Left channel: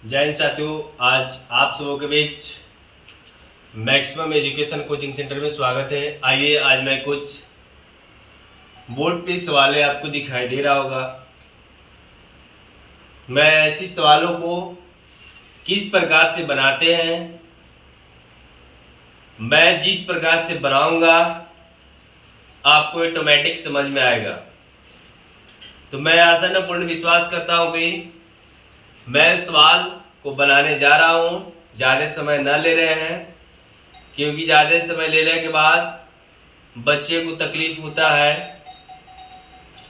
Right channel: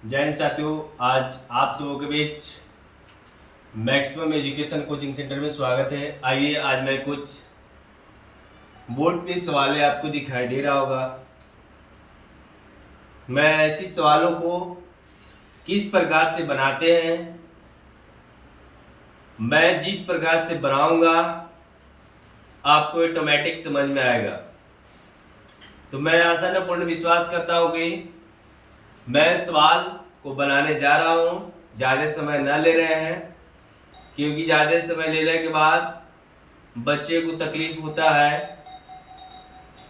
जय हिंद साथियों, आज आप सबों के बीच मैक्सिमम एजुकेशन कोचिंग सेंटर में स्वागत है। आइए आज मैं कुछ बोर्ड पे सवालें आपको दिखाई दे रहा होगा। मैं ऐसे सवालों को किस प्रकार से बनाते हैं, मैं जिस प्रकार से बनाऊंगा आपको ऑटोमेटिक समझ में आएगा। तो मैं आशा न पूर्ण विश्वास करता हूँ कि मैं सवाल को बनाने जा रहा हूँ, ज़्यादा समय न ले रहे हैं, क्योंकि ज़्यादा समय लेने के बाद बच्चे को तकलीफ होता है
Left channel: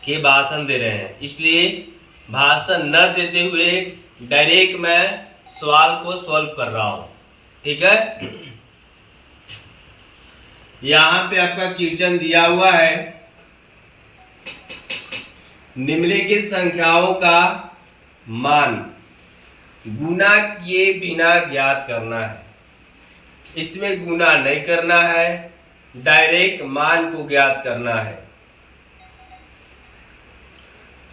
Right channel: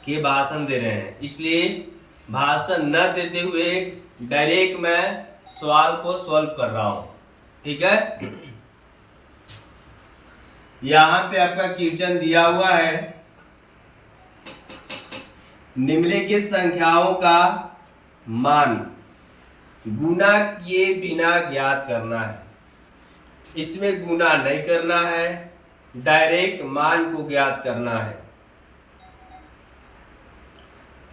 कि भाषण दे रहे हैं। इसलिए भाषण न देते हुए डायरेक्ट मैं सवाल को सॉल्व कर रहा हूँ। ठीक है, यहाँ पे आपका क्वेश्चन दिया हुआ है, निम्नलिखित संख्याओं का मान गुना किए बिना ज्ञात करना है। इसमें गुना नहीं करना है, डायरेक्ट मान को ज्ञात करना है।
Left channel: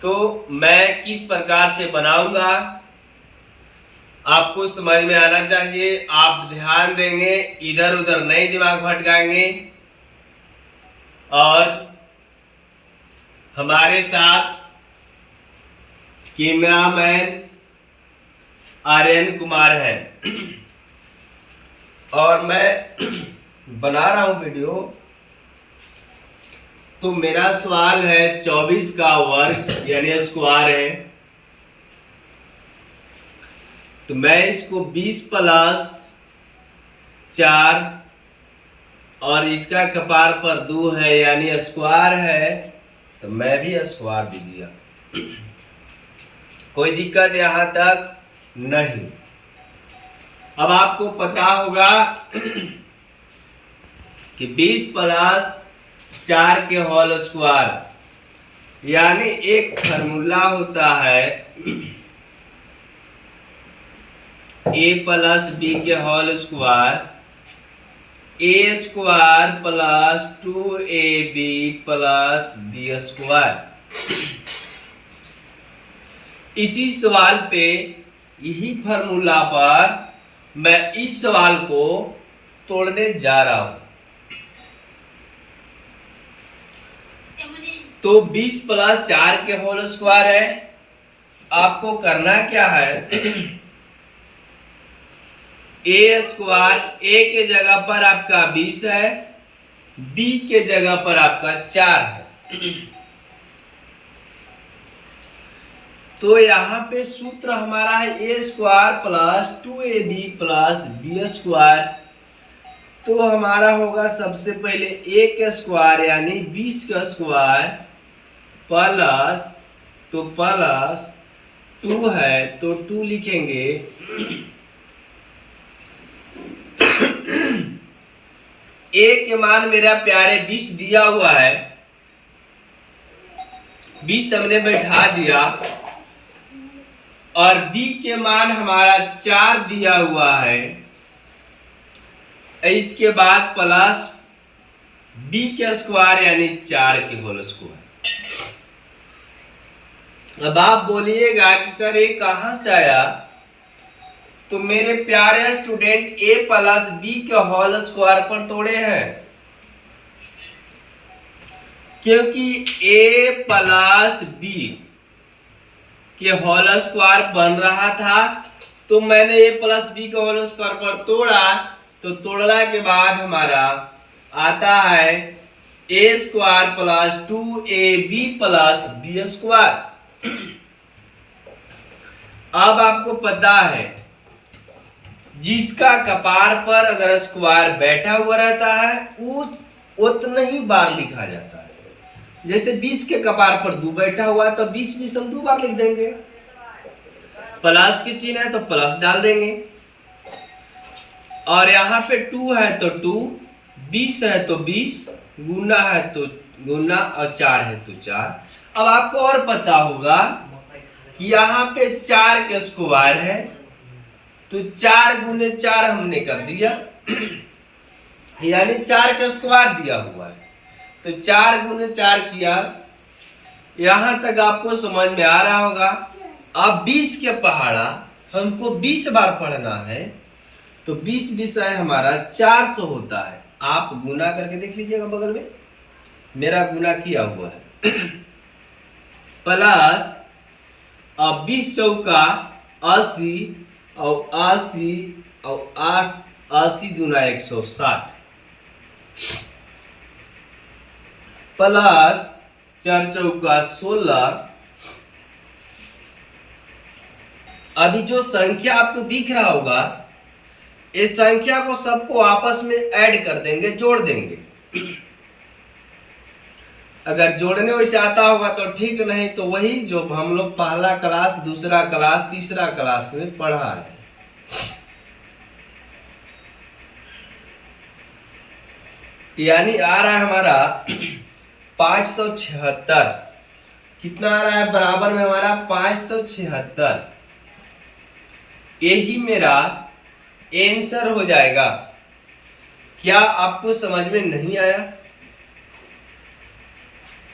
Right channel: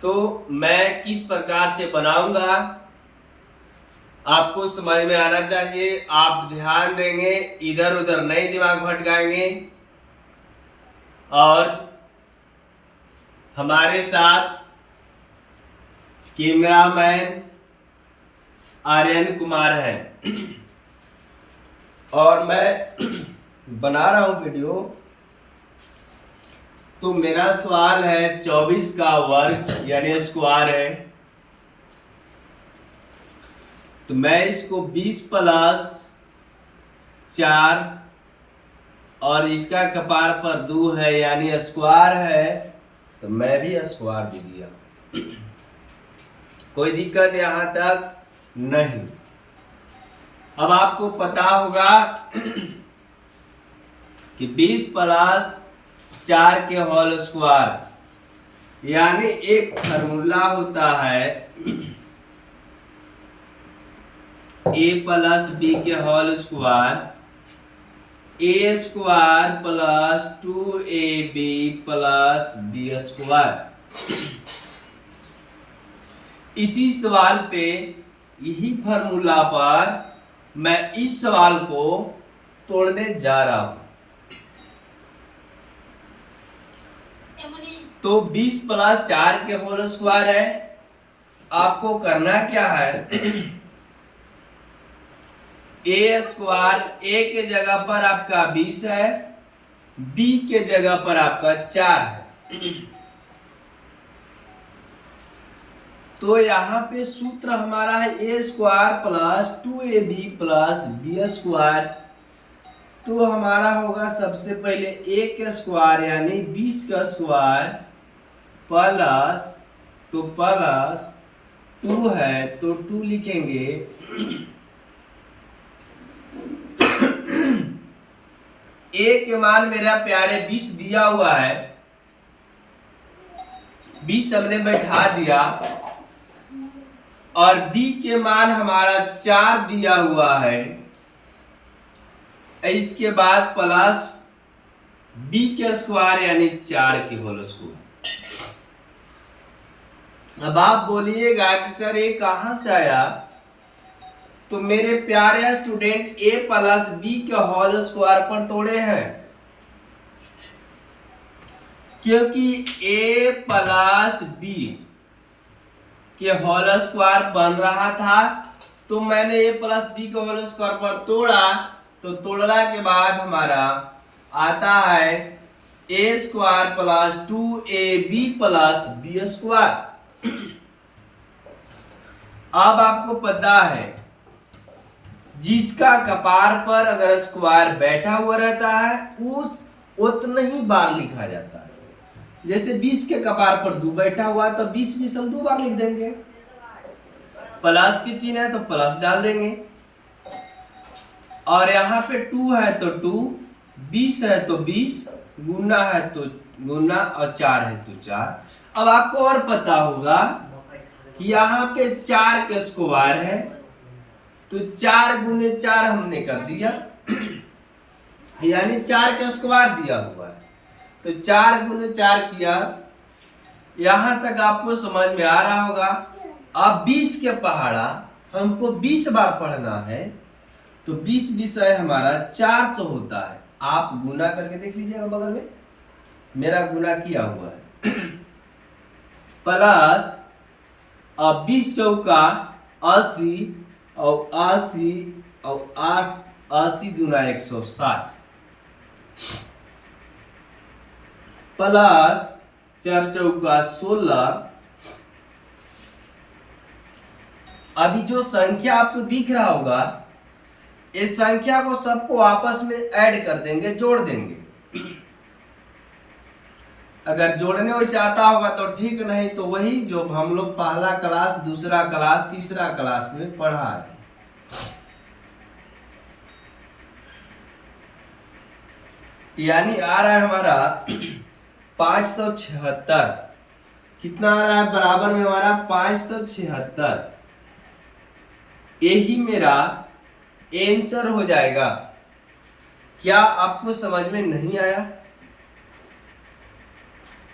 तो मैं किस प्रकार से बनाऊंगा आपको समझ में आना चाहिए। आप ध्यान देंगे, इधर उधर नहीं दिमाग भटकाएंगे और हमारे साथ कैमरामैन आर्यन कुमार है और मैं बना रहा हूं वीडियो। तो मेरा सवाल है 24 का वर्ग यानी स्क्वायर है। तो मैं इसको 20 प्लस 4 और इसका कपार पर 2 है यानी स्क्वायर है, तो मैं भी स्क्वायर दे दिया। कोई दिक्कत यहाँ तक नहीं। अब आपको पता होगा कि 20 प्लस 4 के होल स्क्वायर यानी एक फार्मूला होता है a प्लस बी के whole square, A square plus 2ab plus B square. इसी सवाल पे, यही फार्मूला पर मैं इस सवाल को तोड़ने जा रहा हूं। तो 20 प्लस 4 के होल स्क्वायर है। आपको करना क्या है, ए स्क्वायर ए के जगह पर आपका 20 है, बी के जगह पर आपका 4 है। तो यहाँ पे सूत्र हमारा है A square plus 2ab plus B square. तो हमारा होगा सबसे पहले ए का स्क्वायर यानी 20 का स्क्वायर प्लस, तो प्लस 2 है तो 2 लिखेंगे ए के मान मेरा प्यारे 20 दिया हुआ है, 20 हमने बैठा दिया और b के मान हमारा 4 दिया हुआ है। इसके बाद प्लस b के स्क्वायर यानी 4 के होल स्क्वायर। अब आप बोलिएगा कि सर ये कहां से आया, तो मेरे प्यारे स्टूडेंट a प्लस बी के होल स्क्वायर पर तोड़े हैं, क्योंकि a प्लस बी के होल स्क्वायर बन रहा था। तो मैंने ए प्लस बी के होल स्क्वायर पर तोड़ा, तो तोड़ने के बाद हमारा आता है A square plus 2ab plus B square. अब आपको पता है जिसका कपार पर अगर स्क्वायर बैठा हुआ रहता है उस उतना ही बार लिखा जाता है। जैसे 20 के कपार पर 2 बैठा हुआ है तो 20 हम 2 बार लिख देंगे। प्लस की चिन्ह है तो प्लस डाल देंगे, और यहाँ पे 2 है तो 2, 20 है तो 20, गुना है तो गुना और 4 है तो 4। अब आपको और पता होगा कि यहाँ पे 4 के स्क्वायर है तो 4 गुने 4 हमने कर दिया यानी 4 के स्क्वायर दिया हुआ है तो 4 गुने 4 किया। यहां तक आपको समझ में आ रहा होगा। अब 20 के पहाड़ा हमको 20 बार पढ़ना है तो 20 विषय हमारा 400 होता है। आप गुना करके देख लीजिएगा, बगल में मेरा गुना किया हुआ है प्लस 20 चौका 80 और 80 और 80 दूना 160 प्लस 4 चौका 16। अभी जो संख्या आपको दिख रहा होगा, इस संख्या को सबको आपस में ऐड कर देंगे, जोड़ देंगे। अगर जोड़ने वैसे आता होगा तो ठीक, नहीं तो वही जो हम लोग पहला क्लास, दूसरा क्लास, तीसरा क्लास में पढ़ा है। यानी आ रहा है हमारा 576। कितना आ रहा है? बराबर में हमारा 576। यही मेरा आंसर हो जाएगा। क्या आपको समझ में नहीं आया?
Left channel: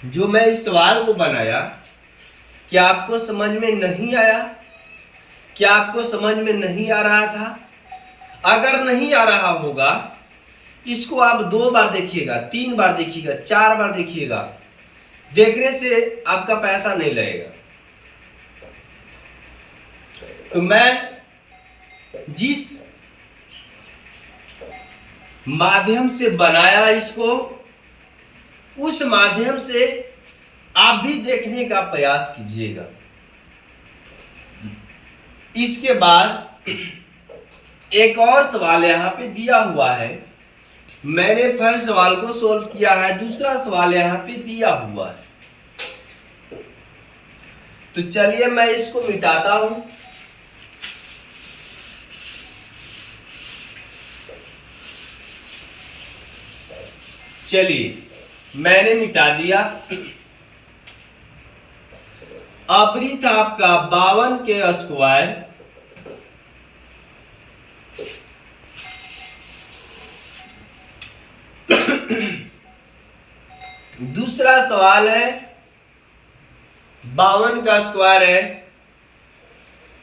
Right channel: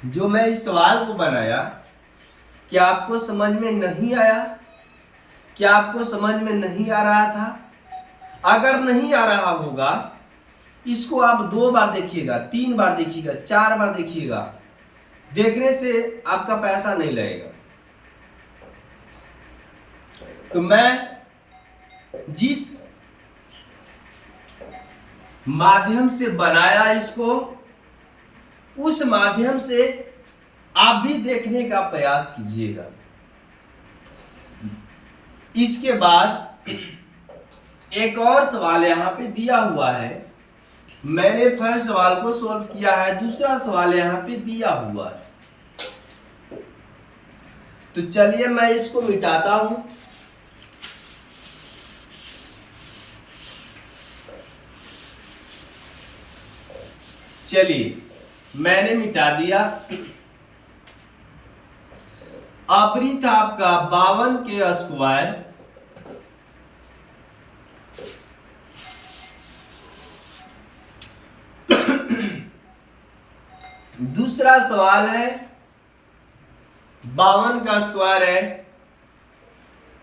जो मैं इस सवाल को बनाया, क्या आपको समझ में नहीं आया? क्या आपको समझ में नहीं आ रहा था? अगर नहीं आ रहा होगा, इसको आप 2 बार देखिएगा, 3 बार देखिएगा, 4 बार देखिएगा। देखने से आपका पैसा नहीं लगेगा। तो मैं जिस माध्यम से बनाया इसको, उस माध्यम से आप भी देखने का प्रयास कीजिएगा। इसके बाद एक और सवाल यहां पे दिया हुआ है। मैंने पहले सवाल को सोल्व किया है, दूसरा सवाल यहां पे दिया हुआ है। तो चलिए मैं इसको मिटाता हूं। चलिए मैंने मिटा दिया। अबरी था आपका 52 के स्क्वायर दूसरा सवाल है 52 का स्क्वायर है।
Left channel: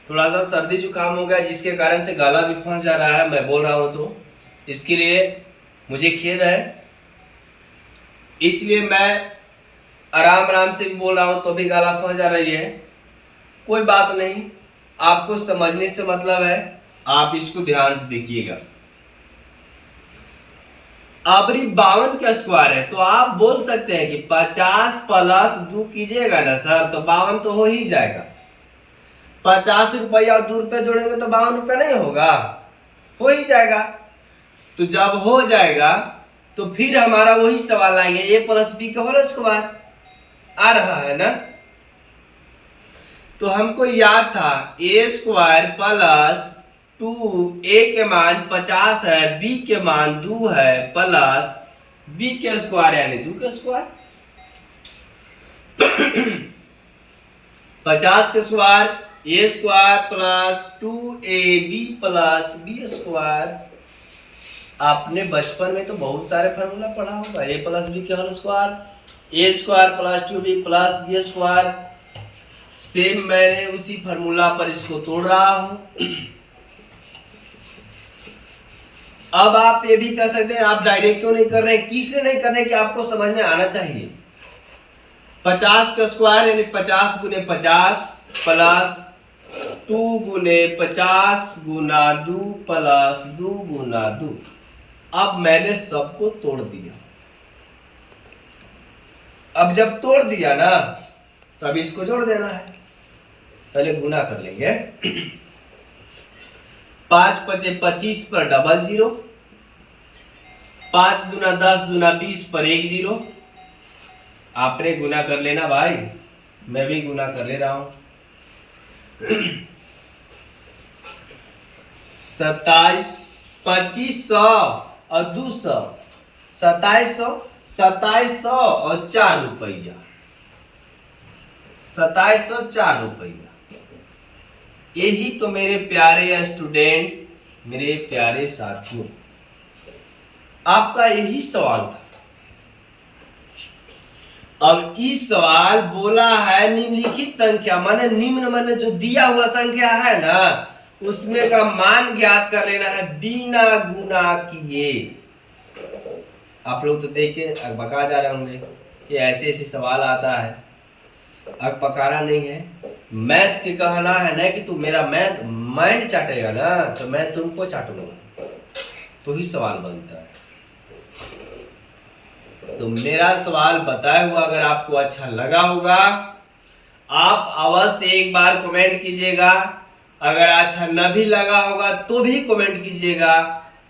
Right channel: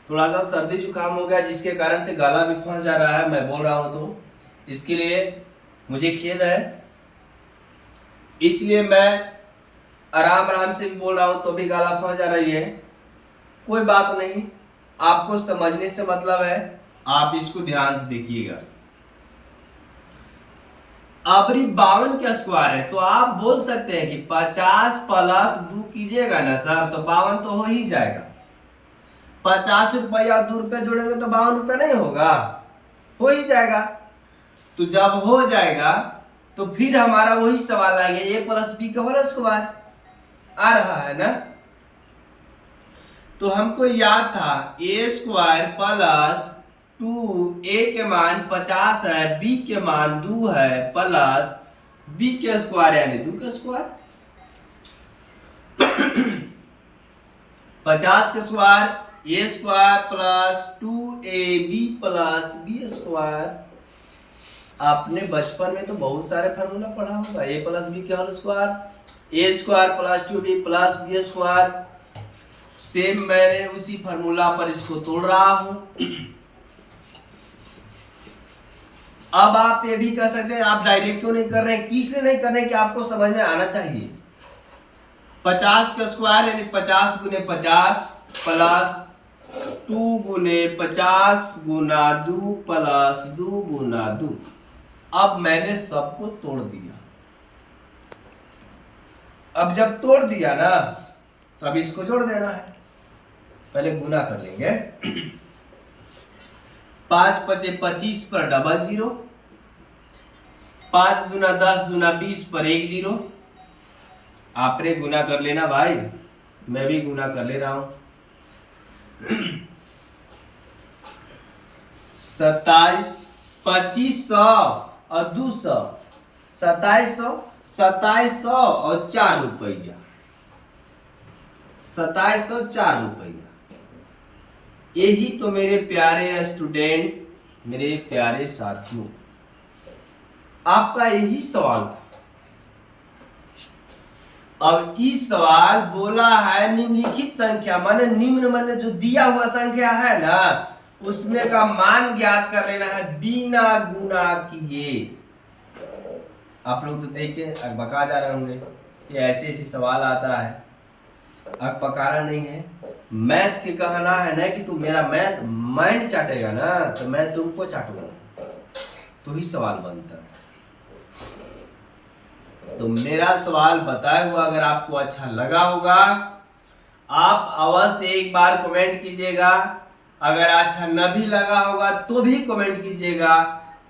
थोड़ा सा सर्दी जुकाम हो गया, जिसके कारण से गला भी फंस जा रहा है, मैं बोल रहा हूं तो इसके लिए मुझे खेद है। इसलिए मैं आराम आराम से भी बोल रहा हूं तो भी गला फंस जा रही है। कोई बात नहीं, आपको समझने से मतलब है, आप इसको ध्यान से देखिएगा। अबरी 52 का स्क्वायर है, तो आप बोल सकते हैं कि 50 प्लस 2 कीजिएगा ना सर, तो 52 तो हो ही जाएगा। 50 रुपया और 2 रुपये जोड़ेंगे तो 52 रुपये नहीं होगा? हो ही जाएगा। तो जब हो जाएगा तो फिर हमारा वही सवाल आएंगे, ए प्लस बी का होल स्क्वायर आ रहा है ना। तो हमको याद था ए स्क्वायर प्लस 2, ए के मान 50 है, बी के मान 2 है, प्लस बी के स्क्वायर यानी 2 के स्क्वायर। 50 के square A square plus 2ab plus B square. आपने बचपन में तो बहुत सारे फार्मूला पढ़ा होगा। ए प्लस बी के whole square, A square plus 2b plus B square. Same मैंने उसी फार्मूला पर इसको तोड़ रहा हूं। अब आप ये भी कह सकते हैं, आप डायरेक्ट क्यों नहीं कर रहे हैं? किसने नहीं कर रहे कि आपको समझ में आना चाहिए। 50 का स्क्वायर यानी 50 गुने 50 प्लस 2 गुने 50 गुना 2 प्लस 2 गुना 2। अब मैंने सबको तोड़ दिया। अब जब तोड़ दिया ना, तब इसको जोड़ देना है। पहले गुना कर लेंगे। 5 पचे 25 पर डबल 0, 5 दूना 10 दूना 20 पर 1 0। आपने गुना कर लेना भाई, मैं भी गुना कर ले रहा हूं। 27 2500 और 200, 2700 2700 और 4 रुपया, 2700 4 रुपया। यही तो मेरे प्यारे स्टूडेंट, मेरे प्यारे साथियों, आपका यही सवाल था। अब इस सवाल बोला है निम्नलिखित संख्या, माने निम्न माने जो दिया हुआ संख्या है ना, उसमें का मान ज्ञात कर लेना है बिना गुना किए। आप लोग तो देख के बका जा रहे होंगे कि ऐसे ऐसे सवाल आता है, अब पकाना नहीं है। मैथ के कहना है ना कि तू मेरा मैथ माइंड चाटेगा ना तो मैं तुमको चाटूंगा, तो ही सवाल बनता है। तो मेरा सवाल बताए हुआ अगर आपको अच्छा लगा होगा, आप अवश्य एक बार कमेंट कीजिएगा। अगर अच्छा न भी लगा होगा तो भी कमेंट कीजिएगा,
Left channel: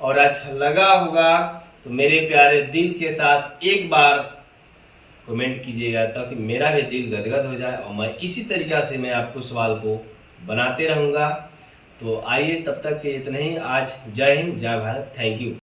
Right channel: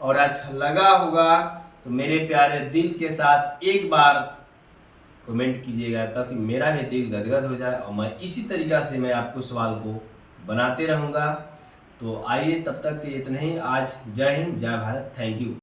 और अच्छा लगा होगा तो मेरे प्यारे दिल के साथ एक बार कमेंट कीजिएगा, ताकि मेरा भी दिल गदगद हो जाए और मैं इसी तरीक़ा से मैं आपको सवाल को बनाते रहूँगा। तो आइए, तब तक के इतने ही। आज जय हिंद, जय भारत, थैंक यू।